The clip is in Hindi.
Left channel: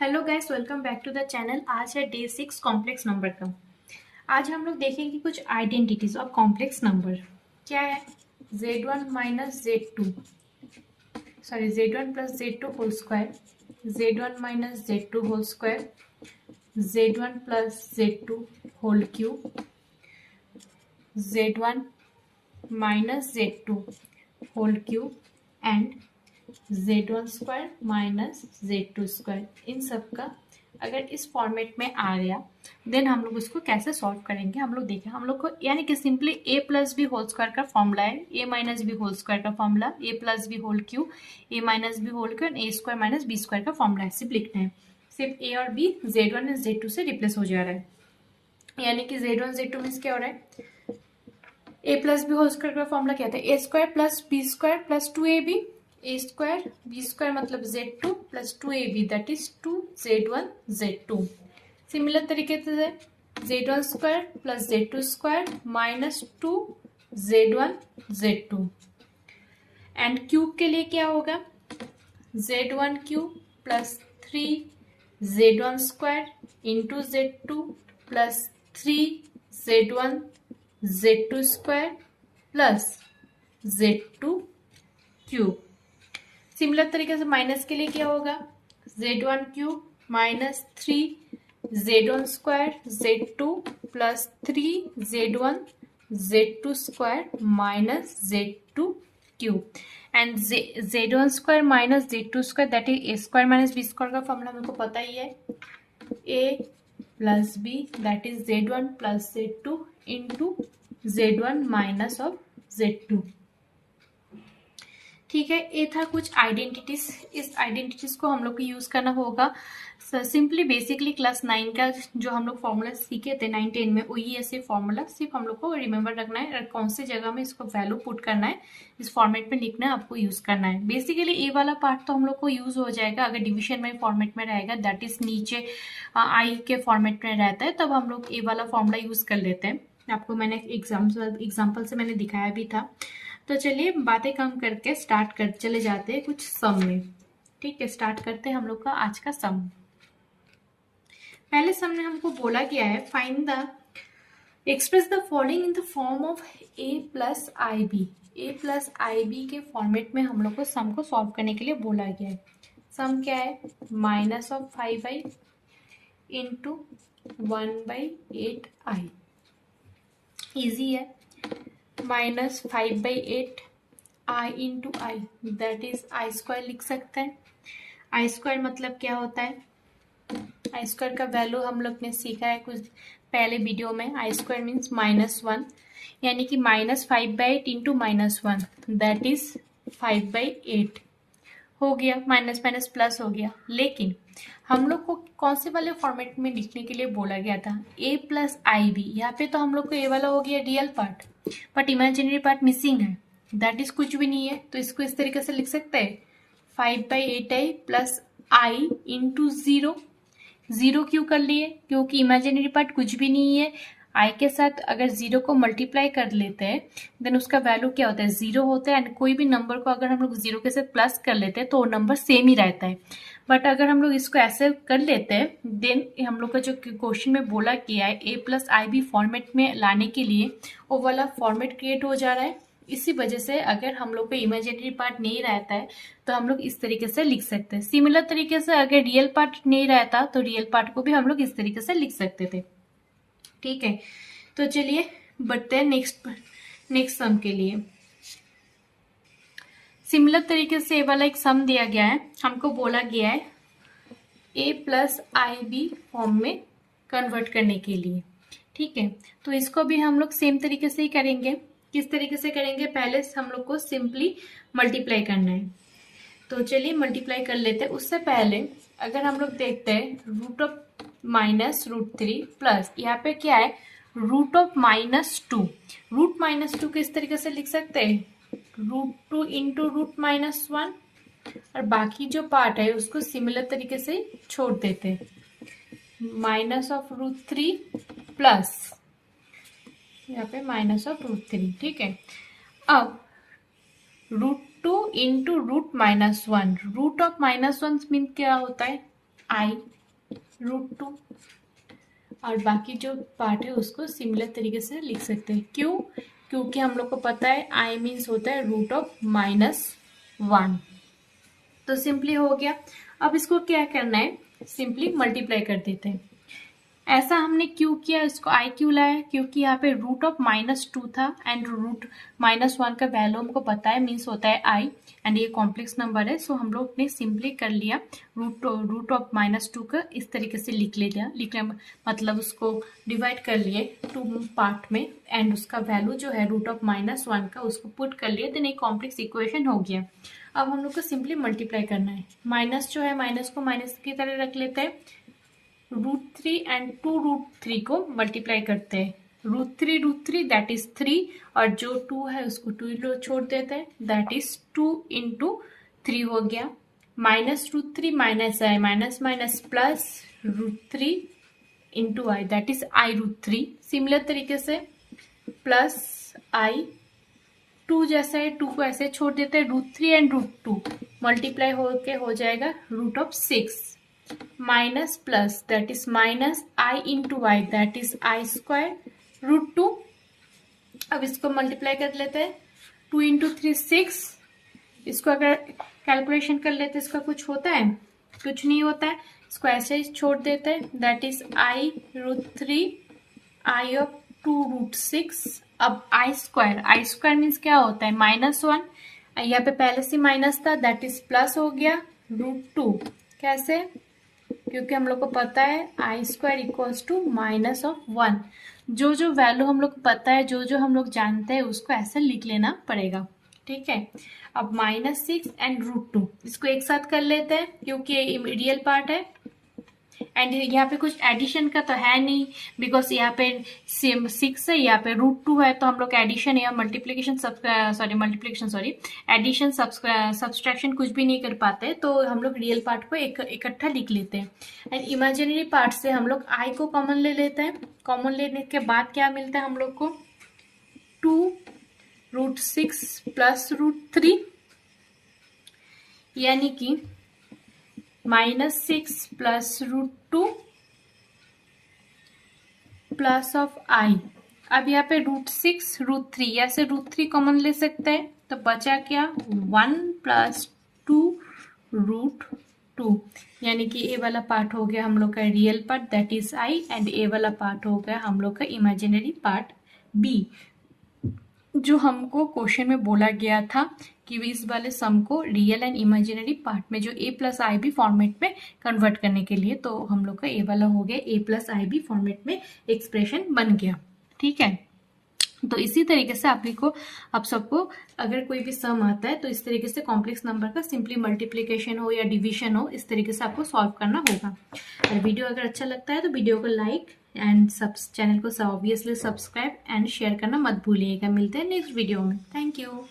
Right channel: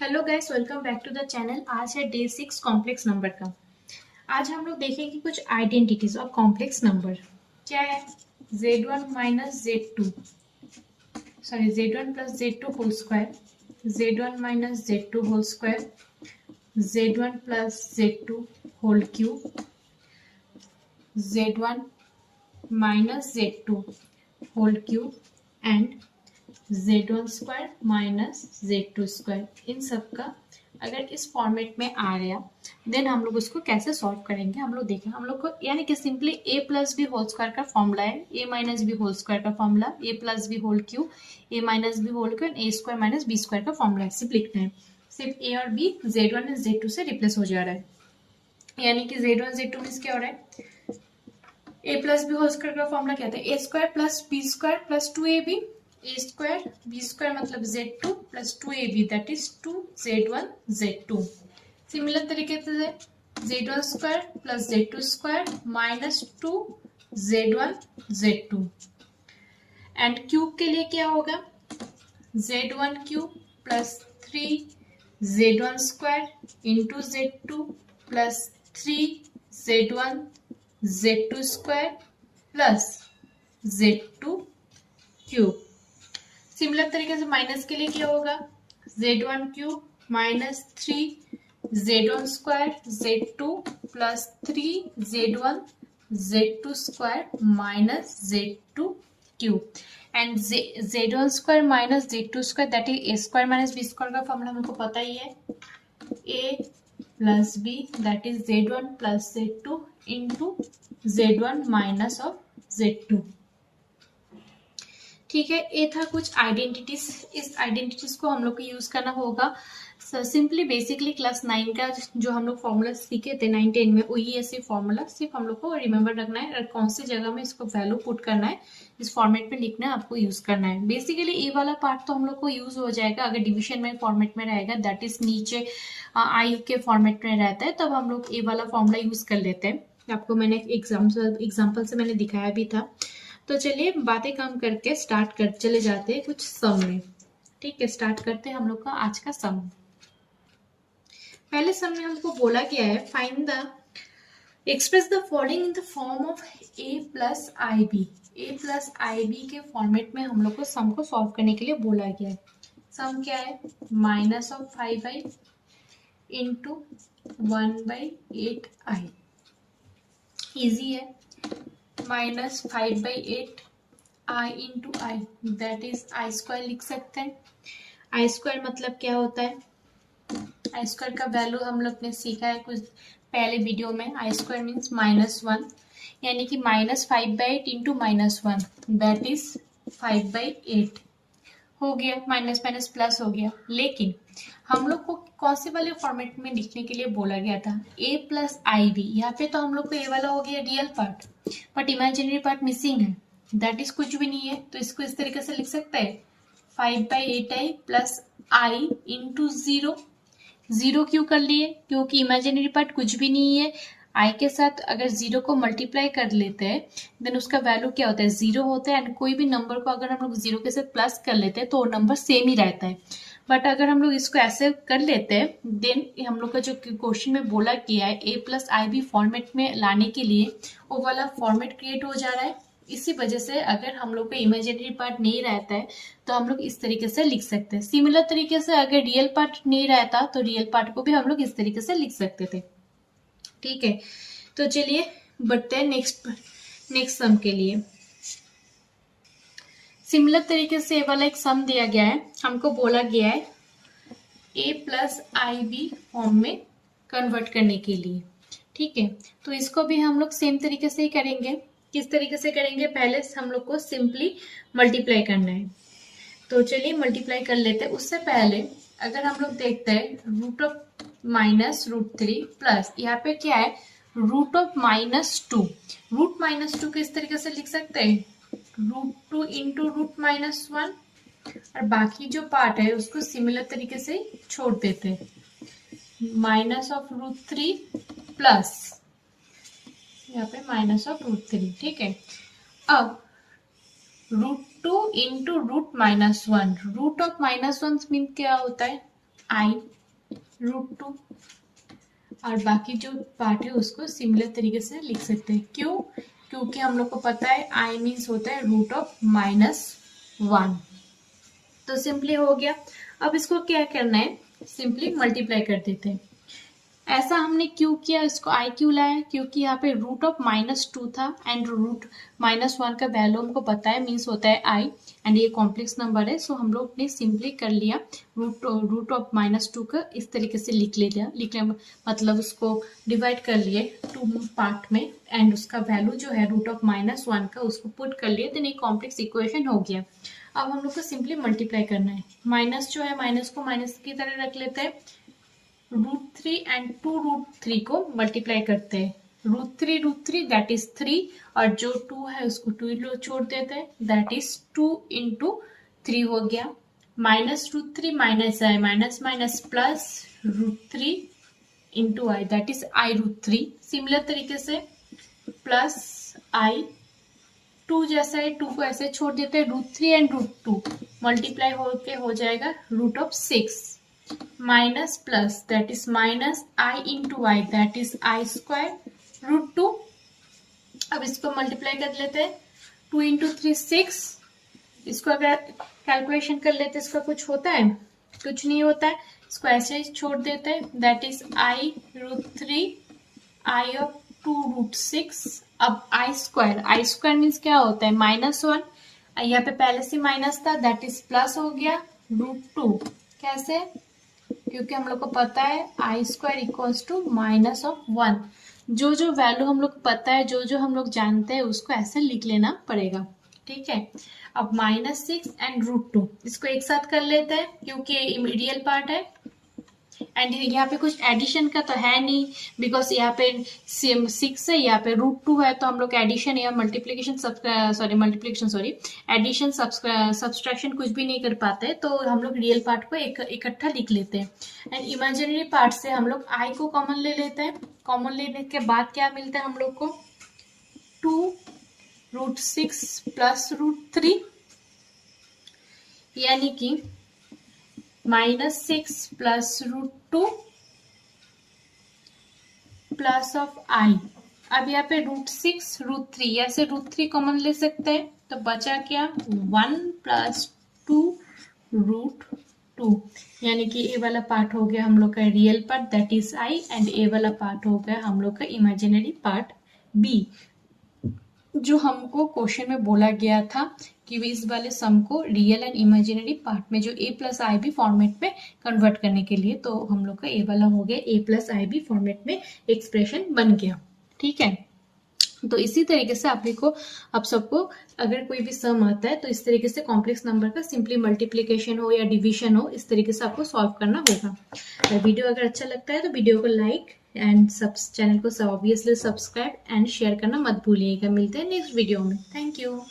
Hello guys, welcome back to the channel. आज है डे 6 कॉम्प्लेक्स नंबर का। आज हम लोग देखेंगे कुछ आइडेंटिटीज ऑफ कॉम्प्लेक्स नंबर। क्या है? z1 minus z2, sorry z1 plus z2 whole square, z1 minus z2 whole square, z1 plus z2 whole cube, z1 minus z2 whole cube and z1 square minus z2 square. इन सब का अगर इस फॉर्मेट में आ गया देन हम लोग उसको कैसे सॉल्व करेंगे हम लोग देखें। हम लोग को यानी कि simply A plus B whole square का फॉर्मूला है, A minus B whole square का formula, A plus B whole cube, A minus B whole cube and A square minus B square का फॉर्मूला है। सिर्फ लिखना है, सिर्फ ए और बी z1 एंड z2 से रिप्लेस हो जा रहा है। यानी कि z1 z2 मीन्स क्या हो रहा है? A plus B whole square का फॉर्मूला क्या था? A square plus B square plus 2ab, A square B square मतलब z2 plus 2ab that is 2z1 z2। Similar तरीके से z1 square plus z2 square minus 2z1 z2। And cube के लिए क्या होगा? z1 cube plus 3z1 square into z2 plus 3z1 z2 square plus z2 cube. Similar तरीके से माइनस के लिए क्या होगा? z1 cube minus 3z1 square z2 plus 3z1 z2 square minus z2 cube and z1 square minus z2 square that is a square minus b square का फॉर्मूला हमको पता ही है, a plus b that is z1 plus z2 into z1 minus of z2। ठीक है, ये था कुछ आइडेंटिटीज। इस आइडेंटिटीज को हम लोग को यूज करना होगा। सिंपली बेसिकली क्लास 9 का जो हम लोग फॉर्मूला सीखे थे 9 10 में, वही ऐसे फॉर्मूला सिर्फ हम लोग को रिमेम्बर रखना है और कौन सी जगह में इसको वैल्यू पुट करना है, इस फॉर्मेट में लिखना है, आपको यूज करना है। बेसिकली ये वाला पार्ट तो हम लोग को यूज हो जाएगा अगर डिविजन में फॉर्मेट में रहेगा, दैट इज नीचे आई के फॉर्मेट में रहता है, तब हम लोग ये वाला फॉर्मूला यूज कर लेते हैं। आपको मैंने एग्जाम्पल से मैंने दिखाया भी था। तो चलिए बातें कम करके स्टार्ट कर चले जाते हैं कुछ सम में। ठीक है, स्टार्ट करते हैं हम लोग का आज का सम। पहले सम में हमको बोला गया है find the express the following in the form of a plus I B. A plus I B के फॉर्मेट में हम लोग को सम को सॉल्व करने के लिए बोला गया है। सम क्या है? Minus of 5i into 1/8i। Easy है। Minus 5/8 i into i that is i square लिख सकते हैं। आई स्क्वायर मतलब क्या होता है? आई स्क्वायर का वैल्यू हम लोग ने सीखा है कुछ पहले वीडियो में। आई स्क्वायर मीन्स -1, यानी कि माइनस 5/8 इंटू -1 दैट इज 5/8 हो गया। माइनस माइनस प्लस हो गया। लेकिन हम लोग को कौन से वाले फॉर्मेट में लिखने के लिए बोला गया था? a plus I B. यहाँ पे तो हम लोग को ए वाला हो गया real part, but imaginary part missing है, दैट इज कुछ भी नहीं है। तो इसको इस तरीके से लिख सकते हैं 5/8i प्लस आई इंटू 0। जीरो क्यों कर लिए? क्योंकि इमेजिनरी पार्ट कुछ भी नहीं है। आई के साथ अगर जीरो को मल्टीप्लाई कर लेते हैं देन उसका वैल्यू क्या होता है? जीरो होता है। एंड कोई भी नंबर को अगर हम लोग जीरो के साथ प्लस कर लेते हैं तो वो नंबर सेम ही रहता है। बट अगर हम लोग इसको ऐसे कर लेते हैं देन हम लोग का जो क्वेश्चन में बोला गया है A plus I B format में लाने के लिए वो वाला फॉर्मेट क्रिएट हो जा रहा है। इसी वजह से अगर हम लोग का इमेजिनरी पार्ट नहीं रहता है तो हम लोग इस तरीके से लिख सकते हैं। सिमिलर तरीके से अगर रियल पार्ट नहीं रहता तो रियल पार्ट को भी हम लोग इस तरीके से लिख सकते थे। ठीक है, तो चलिए बढ़ते हैं नेक्स्ट सम के लिए। सिमिलर तरीके से ये वाला एक सम दिया गया है। हमको बोला गया है A plus I B form में कन्वर्ट करने के लिए। ठीक है, तो इसको भी हम लोग सेम तरीके से ही करेंगे। किस तरीके से करेंगे? पहले हम लोग को सिंपली मल्टीप्लाई करना है। तो चलिए मल्टीप्लाई कर लेते हैं। उससे पहले अगर हम लोग देखते हैं रूट ऑफ माइनस √3 प्लस यहाँ पे क्या है? Root of -2। रूट -2 को इस तरीके से लिख सकते हैं √2 इंटू √-1 और बाकी जो पार्ट है उसको सिमिलर तरीके से छोड़ देते हैं। माइनस ऑफ √3 प्लस यहाँ पे माइनस ऑफ √3। ठीक है, अब √2 इंटू √-1। रूट ऑफ -1 मीन क्या होता है? i√2 और बाकी जो पार्ट है उसको सिमिलर तरीके से लिख सकते हैं। क्यों? क्योंकि हम लोग को पता है i मीन्स होता है √(-1). तो सिंपली हो गया। अब इसको क्या करना है, सिंपली मल्टीप्लाई कर देते हैं। ऐसा हमने क्यों किया, इसको आई क्यों लाया, क्योंकि यहाँ पे √(-2) था एंड √(-1) का वैल्यू हमको पता है, मीन्स होता है आई, एंड ये कॉम्प्लेक्स नंबर है। सो हम लोग ने सिंपली कर लिया √(-2) का इस तरीके से लिखने मतलब उसको डिवाइड कर लिए 2 पार्ट में एंड उसका वैल्यू जो है √(-1) का उसको पुट कर लिए, देन एक कॉम्प्लेक्स इक्वेशन हो गया। अब हम लोग को सिंपली मल्टीप्लाई करना है। माइनस जो है माइनस को माइनस की तरह रख लेते हैं, √3 एंड 2√3 को मल्टीप्लाई करते हैं। √3 दैट इज 3 और जो 2 है उसको 2 छोड़ देते हैं, दैट इज 2 × 3 हो गया। -√3 minus I minus minus plus √3 × I that is i√3। Similar तरीके से प्लस आई 2 जैसा है 2 को ऐसे छोड़ देते हैं, √3 एंड √2 मल्टीप्लाई होके हो जाएगा √6 minus plus that is minus i × I that is i² √2। अब इसको मल्टीप्लाई कर लेते हैं, 2 × 3 6। इसको अगर कैलकुलेशन कर लेते हैं इसका कुछ होता है, कुछ नहीं होता है, इसको ऐसे छोड़ देते हैं, दैट इज i√3 i(2√6). अब i² मीन्स क्या होता है, -1, यहाँ पे पहले से माइनस था, दैट इज प्लस हो गया √2। कैसे? क्योंकि हम लोग को पता है i² = -1। जो जो वैल्यू हम लोग को पता है, जो जो हम लोग जानते हैं उसको ऐसे लिख लेना पड़ेगा, ठीक है। अब -6 एंड √2 इसको एक साथ कर लेते हैं क्योंकि रियल पार्ट है एंड यहाँ पे कुछ एडिशन का तो है नहीं, बिकॉज यहाँ पे 6 है, यहाँ पे √2 है, तो हम लोग एडिशन या मल्टीप्लीकेशन एडिशन सब्सट्रैक्शन कुछ भी नहीं कर पाते, तो हम लोग रियल पार्ट को इकट्ठा लिख लेते हैं एंड इमेजिनरी पार्ट से हम लोग आई को कॉमन ले लेते हैं। कॉमन लेने के बाद क्या मिलता है हम लोग को, 2√6 प्लस √3 यानी कि -6 प्लस √2 प्लस ऑफ आई। अब यहाँ पे √6 √3 ऐसे √3 कॉमन ले सकते हैं, तो बचा क्या 1 + 2√2 यानी कि ए वाला पार्ट हो गया हम लोग का real part that is i and A वाला पार्ट हो गया हम लोग का इमेजिनरी पार्ट बी। जो हमको क्वेश्चन में बोला गया था कि इस वाले सम को रियल एंड इमेजिनरी पार्ट में जो a + ib फॉर्मेट में कन्वर्ट करने के लिए, तो हम लोग का ए वाला हो गया a + ib फॉर्मेट में एक्सप्रेशन बन गया, ठीक है। तो इसी तरीके से आप सबको अगर कोई भी सम आता है तो इस तरीके से कॉम्प्लेक्स नंबर का सिंपली मल्टीप्लिकेशन हो या डिवीजन हो, इस तरीके से आपको सॉल्व करना होगा। वीडियो अगर अच्छा लगता है तो वीडियो को लाइक एंड चैनल को ऑब्वियसली सब्सक्राइब एंड शेयर करना मत भूलिएगा। मिलते हैं नेक्स्ट वीडियो में। Thank you.